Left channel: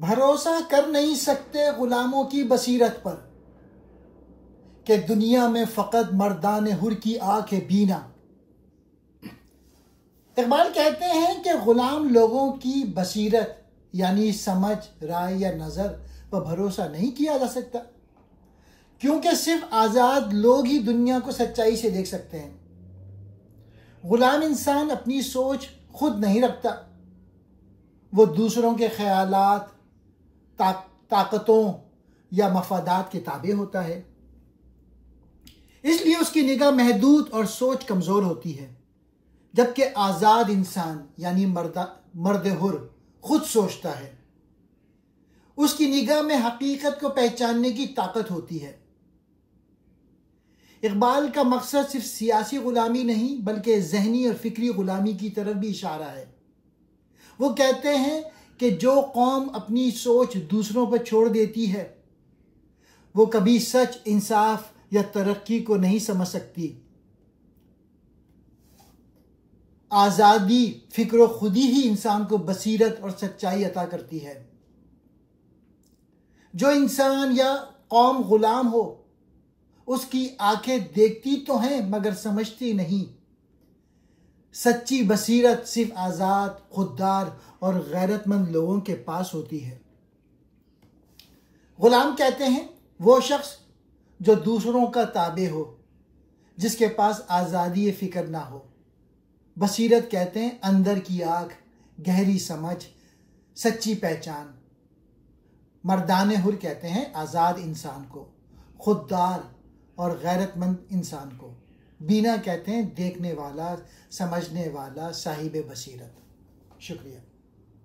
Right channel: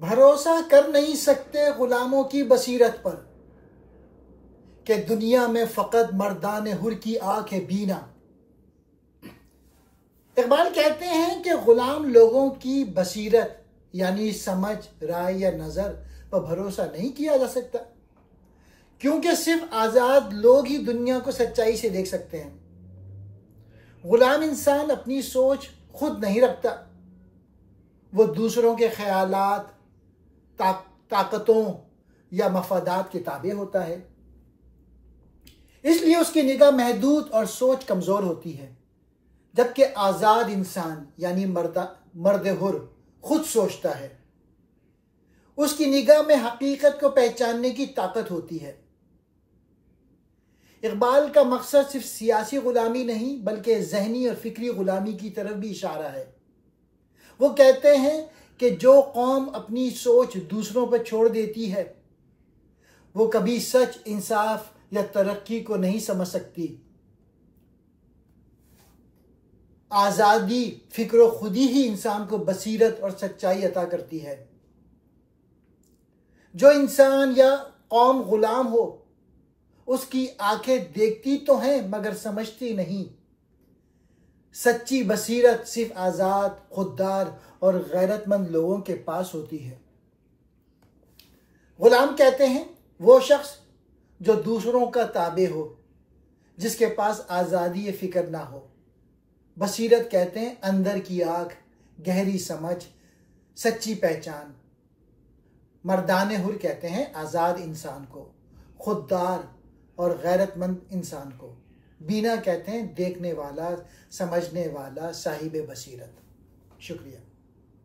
بھروسہ کر نہیں سکتے غلاموں کی بصیرت پر کہ دنیا میں فقط مردان حر کی آنکھ ہے بینا۔ اقبال کہتے ہیں کہ غلام لوگوں کی بصیرت یعنی سمجھ، رائے یا نظر پر بھروسہ نہیں کیا جا سکتا، کیونکہ صرف آزاد لوگ ہی دنیا کو سچائی سے دیکھ سکتے ہیں۔ غلام انسان اپنی سوچ خود نہیں رکھتا، وہ دوسروں کے خیالات، طاقتوں یا مفادات کے تابع ہوتا ہے، اس لیے اس کی نگاہ محدود اور سوچ کمزور ہوتی ہے، جبکہ آزاد انسان یعنی مرد حر خود سوچتا ہے، اس کی نگاہ میں حقیقت کو پہچاننے کی طاقت ہوتی ہے۔ اقبال کا مقصد صرف سیاسی غلامی نہیں بلکہ ذہنی اور فکری غلامی کی طرف بھی اشارہ ہے۔ وہ کہتے ہیں کہ جو قوم اپنی سوچ دوسروں پر چھوڑ دیتی ہے وہ کبھی سچ، انصاف یا ترقی کو نہیں سمجھ سکتی۔ آزادی فکر و خودی ہی انسان کو بصیرت اور سچائی عطا کرتی ہے۔ جو انسان یا قوم غلام ہو اس کی آنکھیں دیکھتی تو ہیں مگر سمجھتی نہیں۔ سچی بصیرت صرف آزاد، خوددار اور غیرت مند لوگوں کے پاس ہوتی ہے۔ غلام کہتے ہیں وہ شخص جو دوسروں کا تابع ہو، جس کے پاس آزادی فکر نہ ہو۔ بصیرت کہتے ہیں اندر کی آنکھ، گہری سمجھ، سچی پہچان۔ مردان حر کہتے ہیں آزاد انسان کو، خوددار اور غیرت مند انسان کو۔ بینا کہتے ہیں دیکھنے والا، سمجھنے والا، صاحب بصیرت۔ شکریہ۔